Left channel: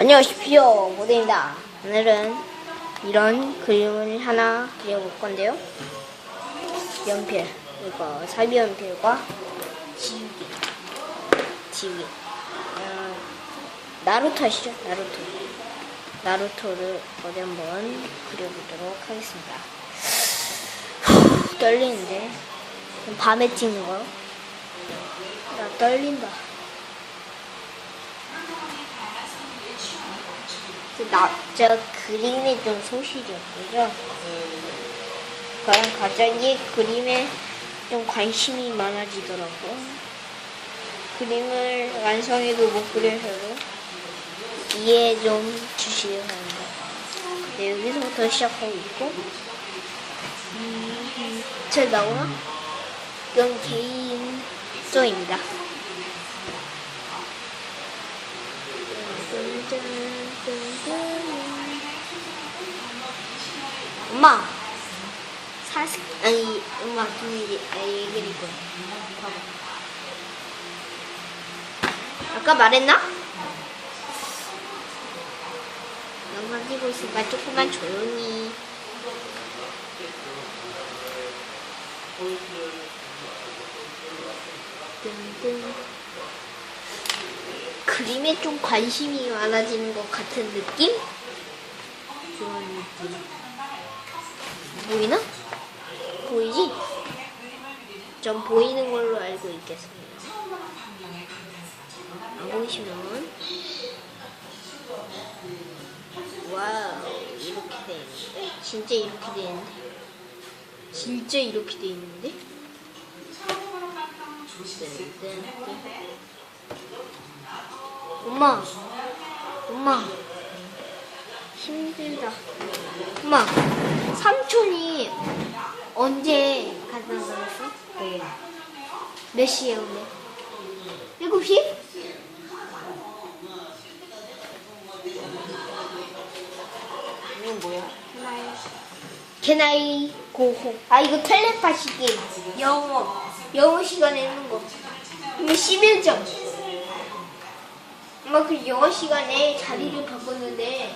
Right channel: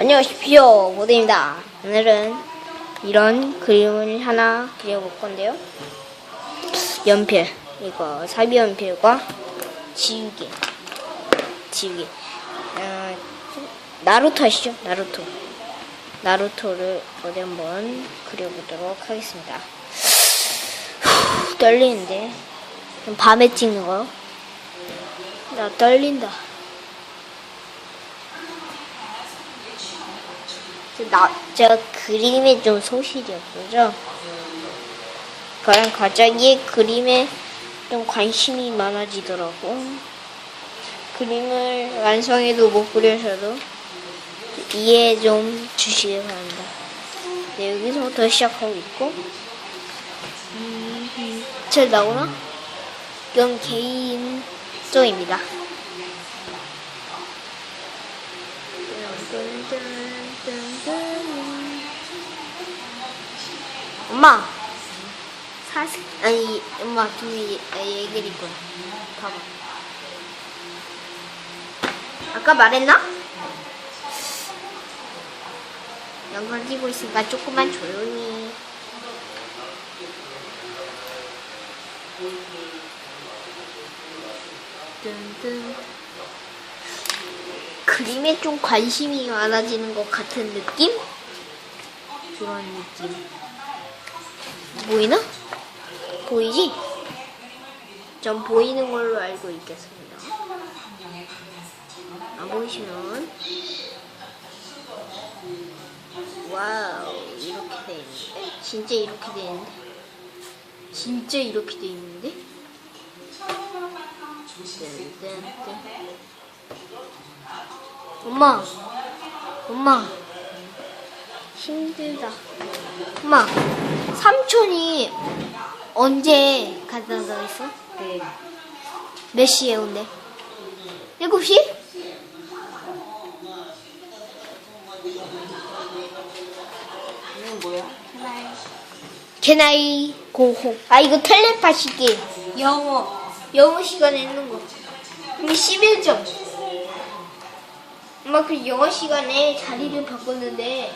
안녕하십시오 모델입니다. 오늘은 이런 그림을 하나 그려볼 건데요. 연필 이거 사비 연필과 지우개 지우개. 어, 나루토 아시죠? 나루토. 나루토를 어디 한번 그려보도록 하겠습니다. 후, 떨리는데. 밤에 찍는 거요? 나 떨린다 나, 제가 그림에 좀 소실이 없어져. 그냥 갑자기 그림에 좀 관심이 많아지더라고. 그림을 완성해도 못 그려서도 이해 좀 주시기 바랍니다. 네, 여기서부터 시작하고 있고. 음, 음, 잘 나오나? 이건 개인 또입니다. 엄마 사실 아니 엄마 좀 얘- 얘기를 이거 봐봐 아까 말했나? 영상 찍고 있으니까 조금만 조용히 뜬뜬 그림에 좀 관심이 많아지는 것 같은 느낌? 그런 느낌. 보이나? 보이지? 전 보이는 걸로 알고 있겠습니다. 안 보이시면 와우 이렇게 돼 있는데 진짜 이렇게 돼 있는데 진짜 이렇게 돼 있는데. 엄마 엄마 힘들다 엄마 삼촌이 언제 간다고 그랬어? 네. 몇 시에 온대? 7시? 이건 뭐야? Can I go home? 아 이거 텔레파시기 영어 영어 시간에 있는 거 근데 11점 엄마 그 영어 시간에 자리를 바꿨는데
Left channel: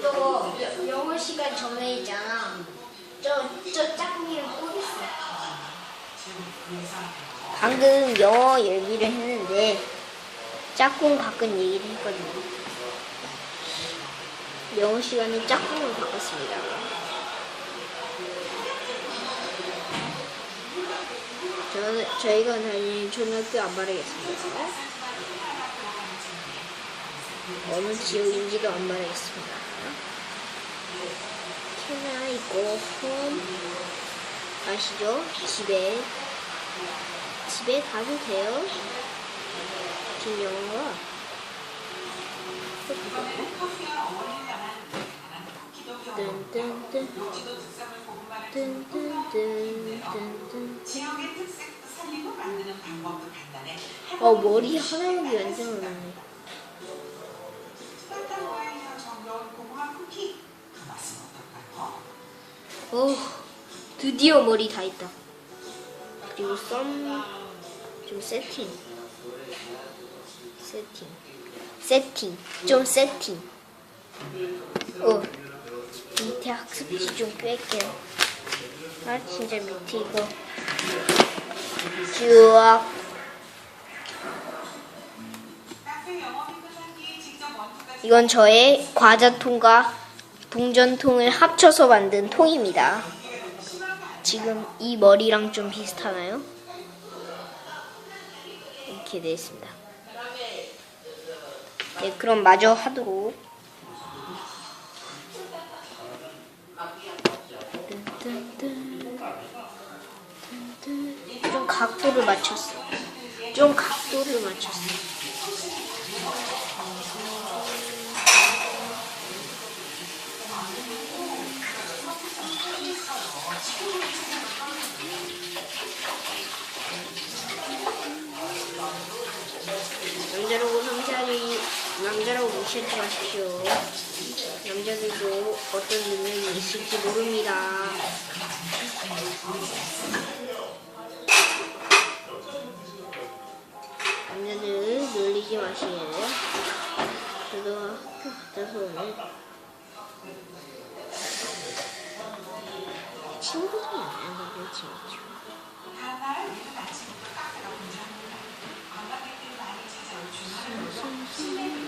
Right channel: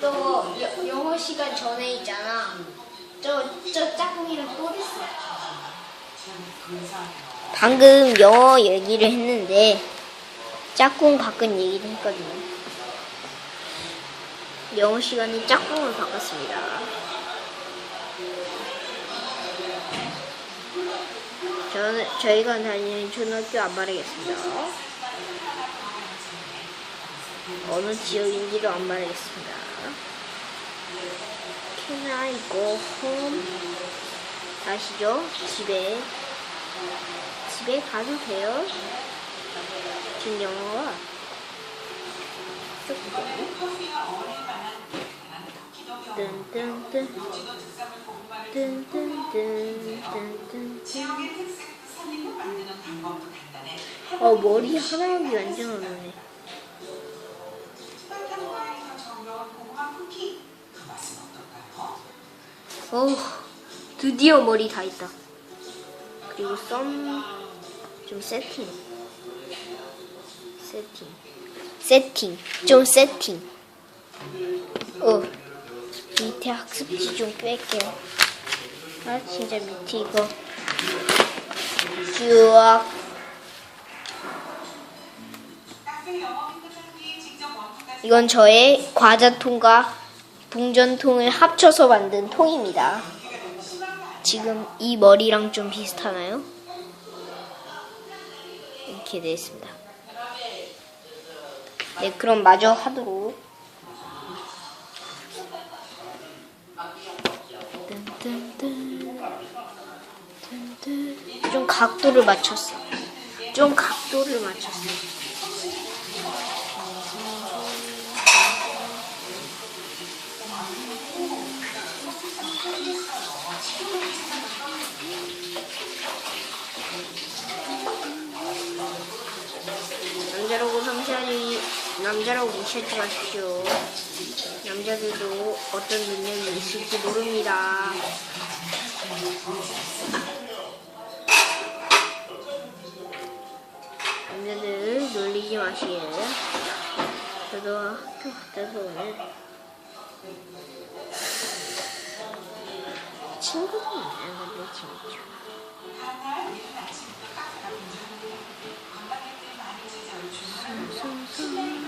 또 여- 영어 시간 전에 있잖아. 저, 저 짝꿍이랑 또 있어. 방금 영어 얘기를 했는데 짝꿍 바꾼 얘기를 했거든요. 영어 시간에 짝꿍을 바꿨습니다. 저는 저희가 다니는 초등학교 안 말하겠습니다. 어느 지역인지도 안 말하겠습니다. Can I go home? 아시죠? 집에 집에 가도 돼요? 지금 영어가 어 머리 하나하기 완전 어 드디어 머리 다 있다. 그리고 썸 좀 세팅. 세팅. 세팅. 좀 세팅. 어 밑에 학습지 좀 뺄게요. 아 진짜 밑에 이거. 쭉. 이건 저의 과자 통과 동전통을 합쳐서 만든 통입니다. 지금 이 머리랑 좀 비슷하나요? 이렇게 되어 있습니다. 네, 그럼 마저 하도록. 좀 각도를 맞췄어. 좀 각도를 맞췄어. 남자라고 성찰이 무시하지 마십시오. 남자들도 어떤 능력이 있을지 모릅니다. 남자들 놀리지 마시에요. 저도 학교 갔다서 오늘 친구들이 만나는 건데 재밌죠. 송송송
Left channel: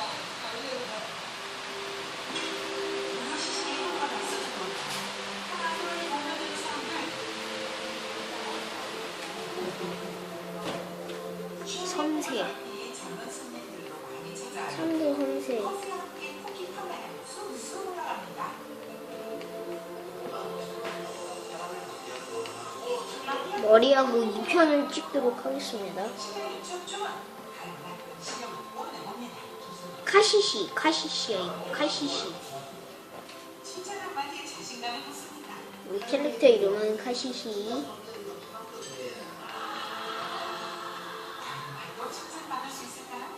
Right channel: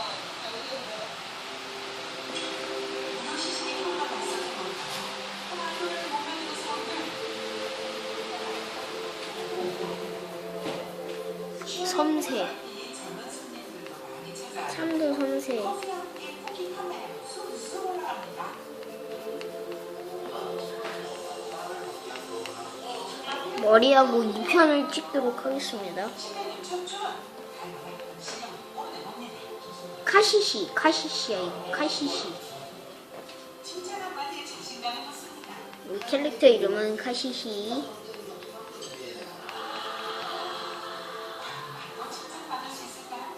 섬세 참도 섬세 머리하고 2편을 찍도록 하겠습니다. 카시시 카시시야 카시시. 우리 캐릭터 이름은 카시시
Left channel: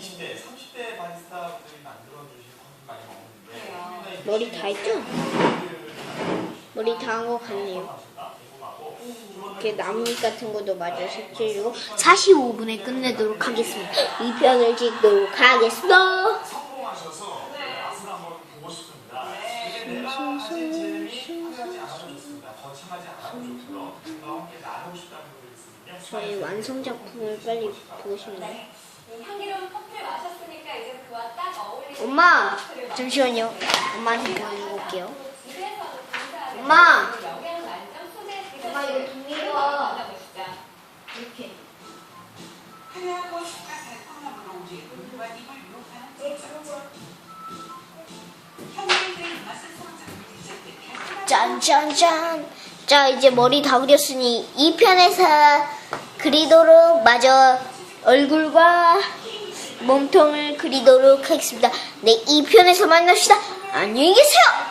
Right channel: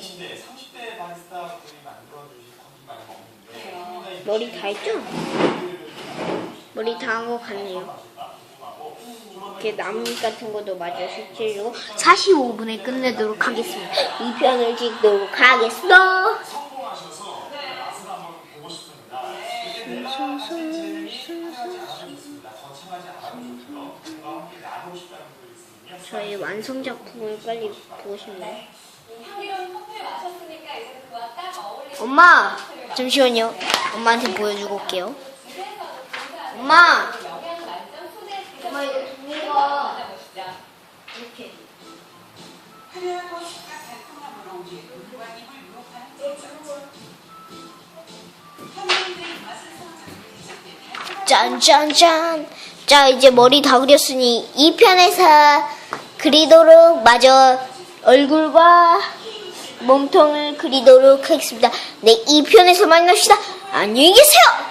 20대, 30대 바리스타 분이 만들어주신 커피 많이 먹는데 네. 머리 다 했죠? 머리 다한것 같네요. 이렇게 나뭇잎 같은 것도 마저 색칠해주고 45분에 끝내도록 하겠습니다. 이 편을 찍도록 하겠습니다. 네. 저의 완성 작품을 빨리 보고 싶네요. 엄마 잠시만요 엄마한테 보여주고 올게요 엄마 엄마 이거 만나보시죠. 이렇게 화려하고 색과 달콤함으로 우리의 눈과 입을 유혹하는 제작. 현대인들의 입맛을 사로잡는 달콤한 짠짠짠 자 이제 머리 다 그렸으니 2편에서 그리도록 마저 얼굴과 몸통을 그리도록 하겠습니다. 네 2편에서 만납시다. 안녕히 계세요